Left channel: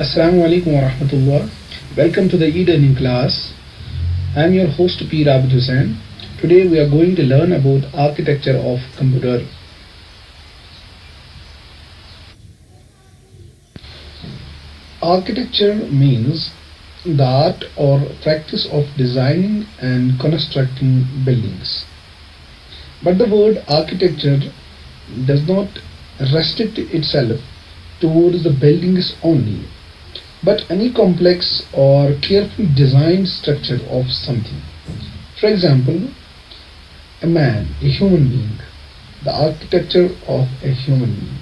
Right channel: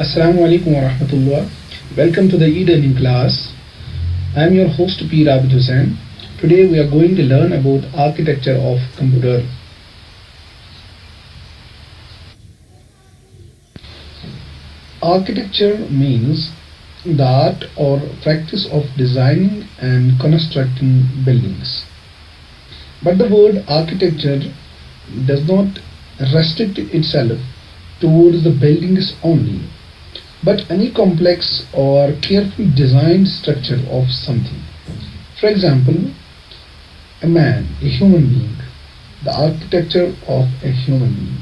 Assalamu alaikum wa rahmatullah. Welcome to the e-learning class. I am your host P. Abid Hussain. Today we are going to learn about architecture of computer. Architecture means the art or practice of designing and constructing buildings. But the word architecture does not restrict itself towards the buildings only, but any complex or carefully designed structure of something. For example, a man, a human being, the architecture of a human being.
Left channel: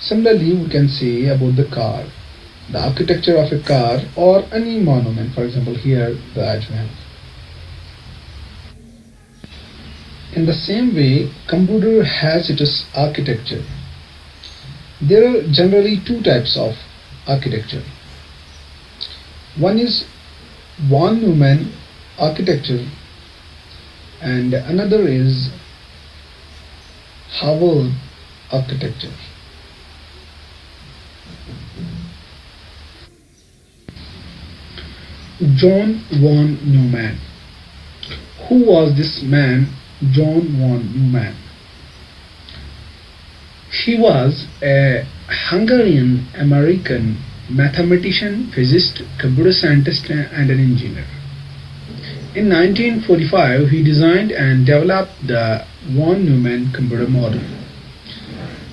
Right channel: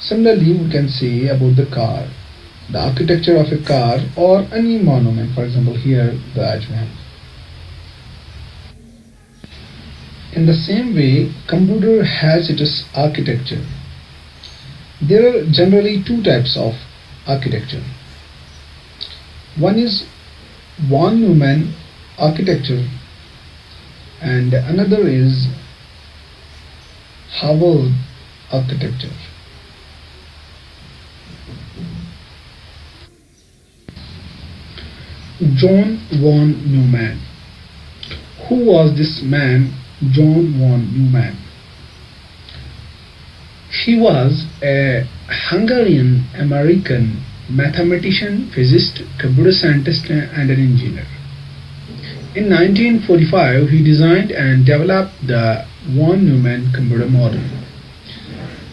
Similarly, we can say about the car, the architecture of a car or any monument, for example, here the Taj Mahal. In the same way, computer has its architecture. There are generally two types of architecture. One is von Neumann architecture and another is Harvard architecture. John von Neumann. Who was this man, John von Neumann? He was a Hungarian American mathematician, physicist, computer scientist, and an engineer. In 1945, he designed and developed the von Neumann computer model.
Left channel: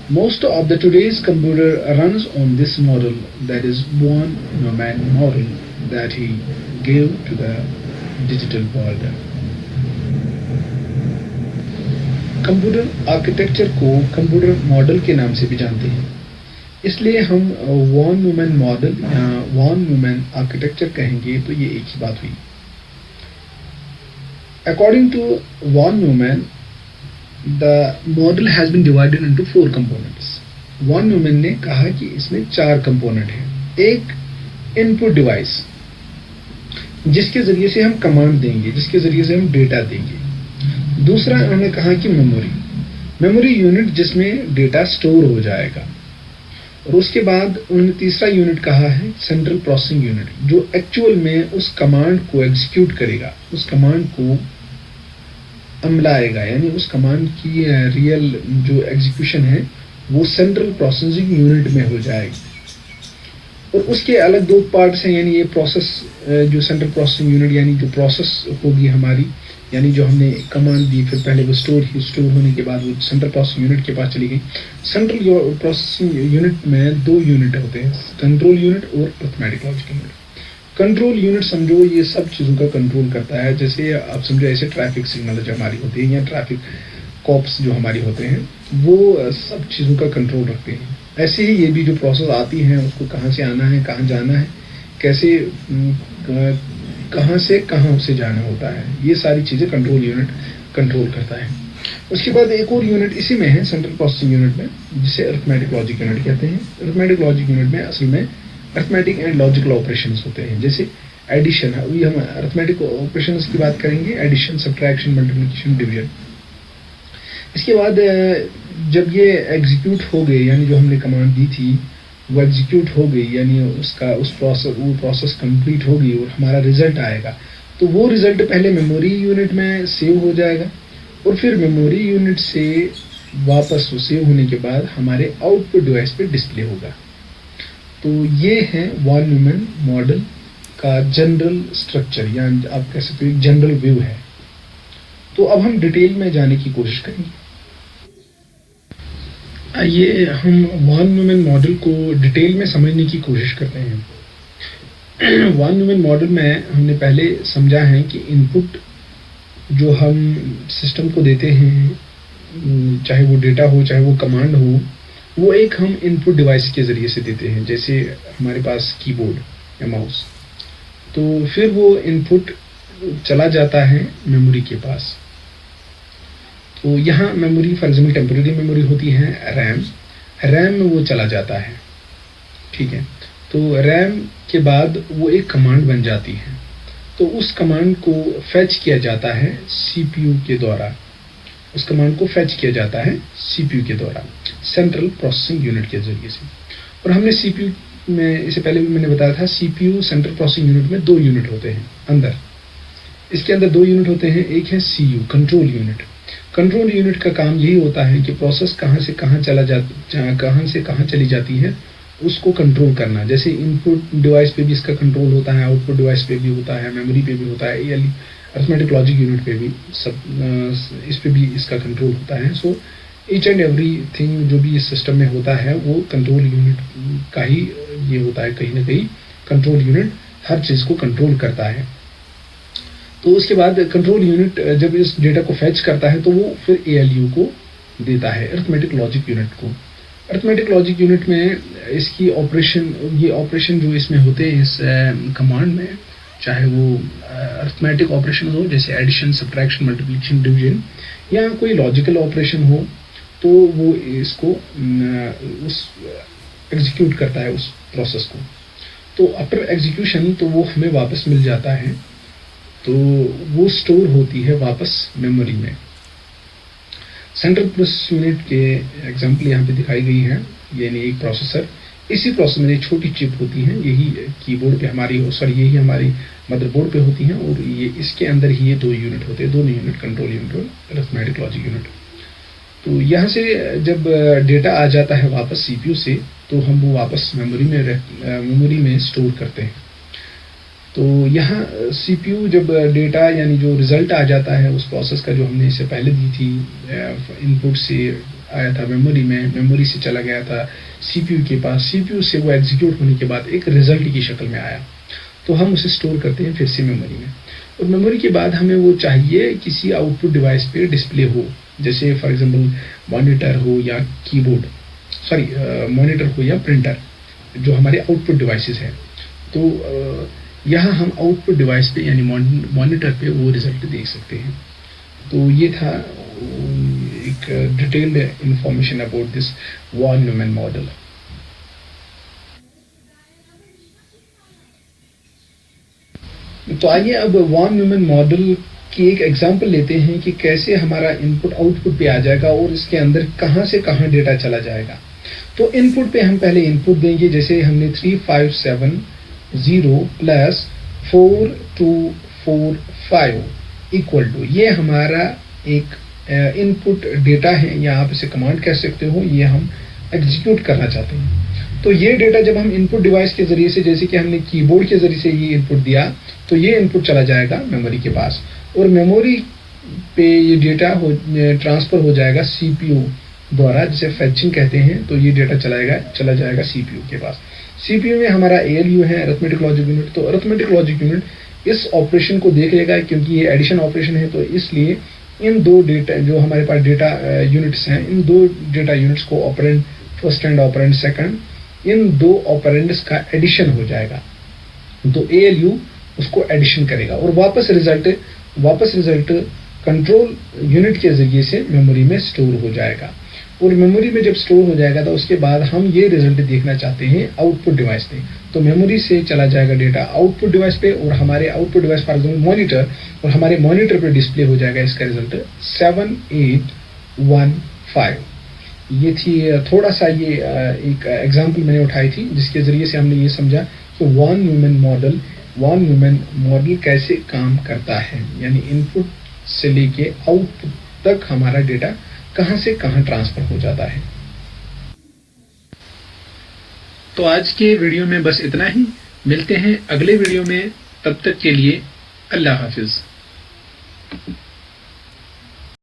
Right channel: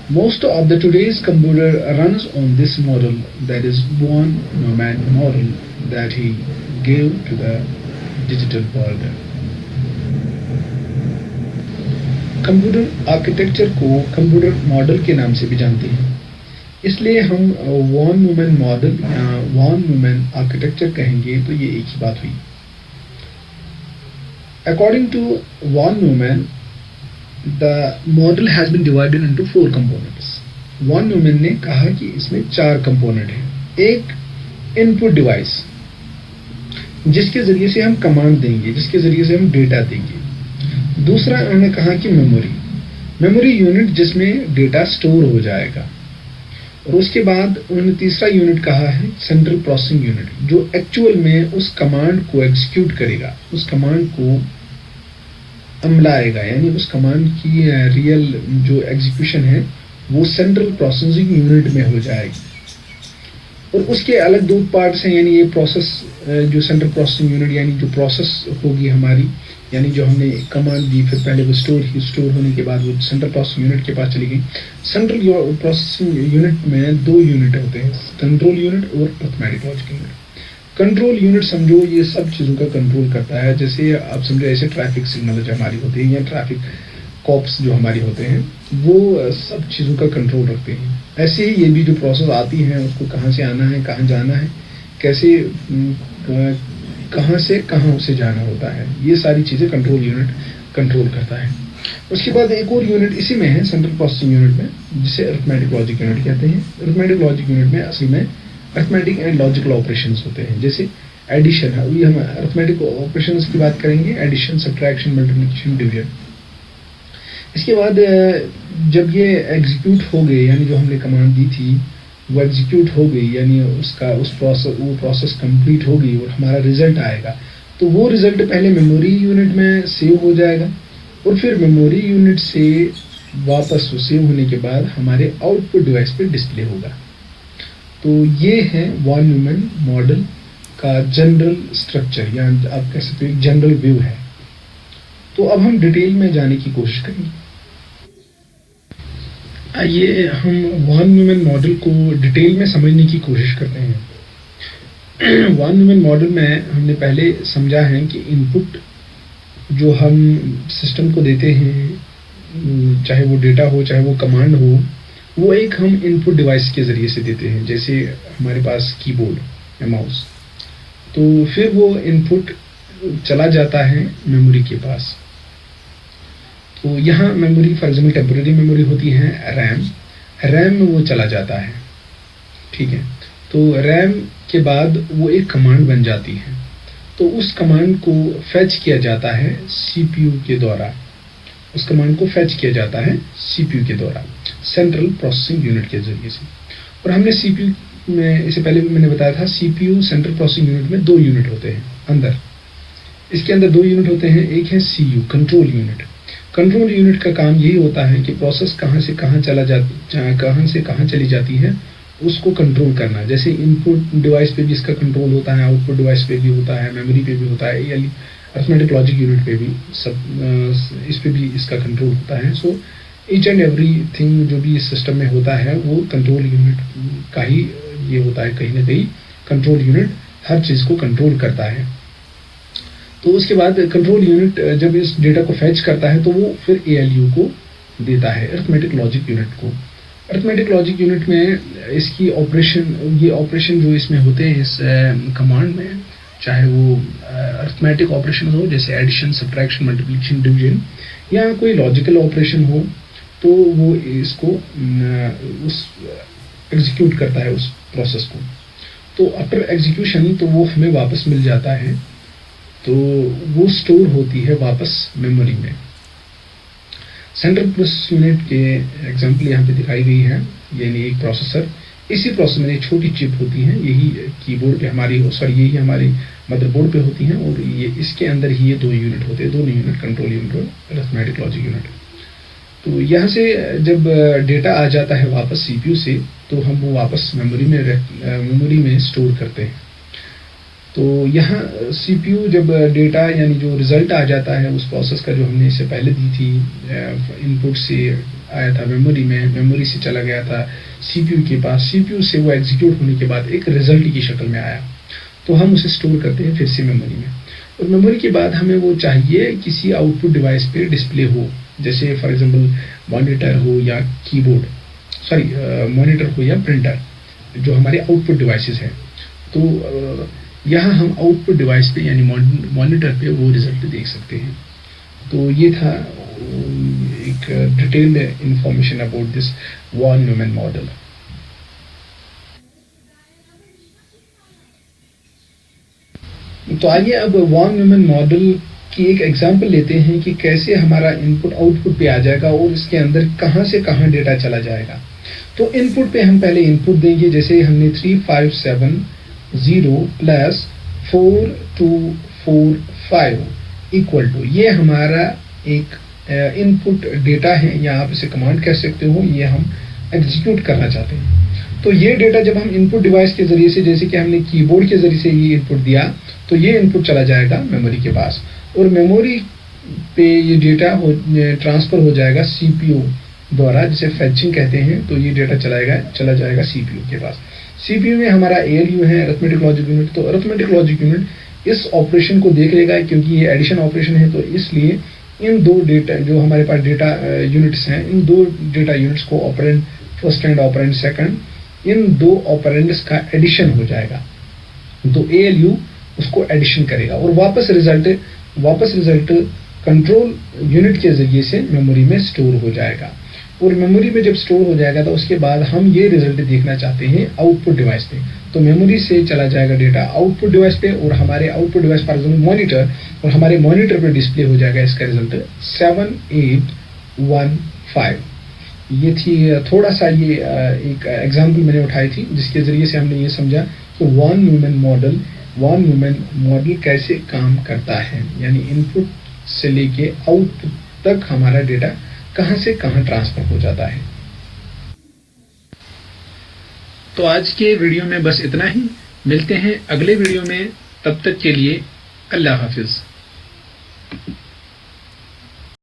Most of the today's computer runs on this model, that is von Neumann model that he gave to the digital world. Computer architecture को computer model के नाम से भी जानते हैं, इसलिए हम von Neumann model या वॉन न्यूमैन आर्किटेक्चर कहेंगे तो ये एक ही बात हुई. According to von Neumann, the model has been divided into 4 components. Von Neumann ने कहा कि इसमें 4 कंपोनेंट हैं. एक इनपुट डिवाइस, जिसके जरिए से हम कमांड देंगे, जिसके जरिए से हम डेटा देंगे. दूसरा उन्होंने कहा कि मेमोरी यूनिट, जिसमें डेटा स्टोर हो जाएगा. और उसके बाद उन्होंने तीसरा यूनिट कहा है सेंट्रल प्रोसेसिंग यूनिट, जो एक्चुअल में उस कमांड को एग्जीक्यूट करेगा, उस कमांड को अमलाएगा, यानी उस कमांड की रियल जो एग्जीक्यूशन है वो सेंट्रल प्रोसेसिंग यूनिट में हो जाएगी. और उसके अलग 2 पार्ट्स हैं, यानी ये प्रोसेस जो सेंट्रल प्रोसेसिंग यूनिट यानी जो प्रोसेस होगी हमारी, यानी जो हमने कमांड दी फिर पहले वो स्टोर होने के बाद वो सेंट्रल प्रोसेसिंग यूनिट के पास चली गई. सेंट्रल प्रोसेसिंग यूनिट में 2 यूनिट होते हैं, कंट्रोल यूनिट और arithmetic logic unit. Control unit समझो ये सब चीज़ों का कंट्रोल करता है. जैसे आप समझो ऐसे ट्रैफिक सिग्नल जो हमारी होती है या ट्रैफिक कॉप्स जो हमारी होते हैं वो सब चीज़ों का कंट्रोल रखते हैं. ऐसे ही ये भी जो प्रोसेस आती हैं उसको कहाँ से आना है, कहाँ जाना है, कैसे कहाँ से कहाँ उसे जाना होता है, ये सारी चीज़ें कंट्रोल यूनिट कंट्रोल करता है. उसके बाद एक और यूनिट इसी में है सेंट्रल प्रोसेसिंग यूनिट में, जिसे अरिथमेटिक लॉजिक यूनिट कहते हैं. अरिथमेटिक लॉजिक यूनिट में असल में अरिथमेटिक एंड लॉजिकल ऑपरेशंस होते हैं, जैसे एडिशन. अभी हम अरिथमेटिक ऑपरेशंस की बात करेंगे, एडिशन, सब्ट्रैक्शन, मल्टीप्लिकेशन, डिवीजन. इसके बाद जब ये एग्जीक्यूट हो गए, यानी जो हमने कमांड दी थी वो एग्जीक्यूट हो गई, यानी वो प्रोसेस कंप्लीट होगी और हमारा रिजल्ट आएगा, तो वो रिजल्ट पहले मेमोरी यूनिट में सेव हो जाएगा और फिर मेमोरी यूनिट से वापस वो सेव होने के बाद हमारे आउटपुट डिवाइस पे डिस्प्ले होगा. तो ये है वॉन न्यूमैन मॉडल का जनरल स्ट्रक्चर, या आप कह सकते हो जनरल व्यू है. तो अब हम डिटेल में जाने की कोशिश करेंगे. आइए हम वॉन न्यूमैन मॉडल को डिटेल में समझने की कोशिश करते हैं. वॉन न्यूमैन मॉडल में हमने पहले समझा है कि इनपुट जो हम सिस्टम को देते हैं, चाहे वो डेटा हो चाहे वो कमांड हो, वो एक हम इनपुट डिवाइस के ज़रिए से देते हैं, जैसे हमारे पास कीबोर्ड या माउस. तो फिर वो इनपुट चला जाता है मेमोरी के पास. तो यहाँ memory for example temporary memory होती है रैम में वो चला जाता है. ठीक है, तो रैम के बाद वो एक कमांड बन जाती है, तो उस कमांड को फेच किया जाता है सीपीयू के द्वारा. उस कमांड को फेच किया जाता है सीपीयू के द्वारा, सेंट्रल प्रोसेसिंग यूनिट के जरिए से. और हमने सीपीयू में इससे पहले भी मैंने बताया था, CPU सेंट्रल प्रोसेसिंग यूनिट में 2 यूनिट होते हैं अंदर। इसके अंदर 2 यूनिट होते हैं, एक है CU control unit. Control unit का काम यही होता है कि प्रोसेस कहाँ से कहाँ चली जाती है उसको कंट्रोल करना। जैसे इनपुट डिवाइस पे भी इसका कंट्रोल होता है, आउटपुट डिवाइस पे भी होता है, मेमोरी पे भी होता है, या अरिथमेटिक लॉजिक यूनिट पे भी सब इस पे भी इसका कंट्रोल होता है। So each and every thing जो भी इस सिस्टम में होता है वो कंट्रोल यूनिट का ही ये होता है। कहीं ना कहीं कंट्रोल यूनिट हर चीज़ को कंट्रोल करता है। तो उसके बाद कंट्रोल यूनिट जब इस डेटा को फैच करता है तो वो फिर ALU को देता है, अरिथमेटिक लॉजिक यूनिट को। अरिथमेटिक लॉजिक यूनिट में इसकी ऑपरेशन जो इसमें होते हैं इस कमांड में, चाहे वो अरिथमेटिक ऑपरेशन हो जैसे एडिशन, सब्ट्रैक्शन, मल्टीप्लिकेशन, डिवीजन, या कोई लॉजिकल ऑपरेशन हो, तो वो इसको उस एग्जीक्यूट करता है उस प्रोसेस को। तो आफ्टर एग्जीक्यूशन तो वो हमें वापस मिल जाता है, तो वो स्टोर होती है वापस मेमोरी में। सेंट्रल प्रोसेस यूनिट के एग्जांपल यहाँ पे दिखाई गई है, यानी एक प्रोसेसर, इसी प्रोसेसर में एक छोटी चिप होती है, यही कीबोर्ड पे यही हमारी मदरबोर्ड पे होती हैं, और ये इसके अंदर ही ये 2 यूनिट होते हैं, 2 यूनिट, कंट्रोल यूनिट और अरिथमेटिक लॉजिक यूनिट। तो यहाँ से जब डेटा आ जाता है वापस CPU से, तो हम वो वापस मेमोरी में स्टोर करते हैं। तो यहाँ CPU जब डेटा यानी जो रिजल्ट आ जाता है उस प्रोसेस का, जो हमने इससे पहले दी थी, इनपुट से आया था मेमोरी में, मेमोरी से चला गया था CPU के पास, CPU से वो एग्जीक्यूट होने के बाद एक रिजल्ट की शक्ल में आया, तो हम उसे स्टोर करते हैं फिर से मेमोरी में। और मेमोरी के बाद हमें वो चाहिए किसी आउटपुट डिवाइस पे डिस्प्ले हो, जैसे फॉर एग्जांपल मॉनिटर हो या मॉनिटर हो या प्रिंटर, जो हमारे आउटपुट डिवाइसेस हैं। तो यहाँ हम आउटपुट डिवाइस पे यानी मॉनिटर पे वो रिजल्ट देख सकते हैं। तो ये था एक detailed information about this von Neumann model. तो आइए अब वॉन न्यूमैन मॉडल की एक एग्जांपल लेते हैं कि कैसे हमारा इनपुट आउटपुट पे आ जाएगा और इसके अंदर कहाँ से कहाँ डेटा चला जाएगा। तो इनपुट पे हम पहले इनपुट देंगे, जैसे हमने 3570 प्लस 4245 इक्वल टू, ये हमारा एक इनपुट डेटा है, या आप इसे कमांड कह सकते हो, ये हम एग्जीक्यूट करना चाहते हैं। तो ये डेटा जब हम इनपुट डिवाइस के जरिए से, जैसे कि हमने कीबोर्ड के जरिए से ये इनपुट दिया, तो ये इनपुट चला जाएगा मेमोरी के पास, और मेमोरी पे ये डेटा ट्रांसफर हो जाएगा CPU द्वारा, जिसे फैचिंग कहते हैं। तो ये डेटा चला जाएगा CPU के पास। CPU में हमारा ALU है, अरिथमेटिक लॉजिक यूनिट। तो अरिथमेटिक लॉजिक यूनिट इस ऑपरेशन को देख लेगा, क्योंकि ये एडिशन ऑपरेशन है, तो इसलिए इन 2 डेटा जो हमारे पास डेटा यूनिट्स हैं, इन 2 डेटा यूनिट्स को operand first and operand second, in 2 operands का एडिशन हो जाएगा। तो ALU उसको एडिशन करेगा और वापस रिजल्ट कंट्रोल यूनिट के जरिए से मेमोरी में स्टोर हो जाएगा। और मेमोरी में जब स्टोर हो जाएगा तो उसके बाद हम ये रिजल्ट देखना चाहते हैं आउटपुट डिवाइस पे, तो मेमोरी से चला जाएगा डेटा आउटपुट डिवाइस पे, और हमारे output device for example monitor, और हमारे मॉनिटर पे डिस्प्ले हो जाएगा इसका रिजल्ट 7815। ये थी थोड़ा सा ये एक एग्जांपल मैंने उठाई थी, जिसके जरिए से हमने ये समझा कि वॉन न्यूमैन मॉडल कैसे काम करता है, यानी इनपुट से लेके आउटपुट तक हमारा डेटा कहां से कहां ट्रांसफर हो जाता है। तो आज के वीडियो में बस इतना ही, मिलते हैं अगले वीडियो में, तब तक के लिए अल्लाह हाफिज।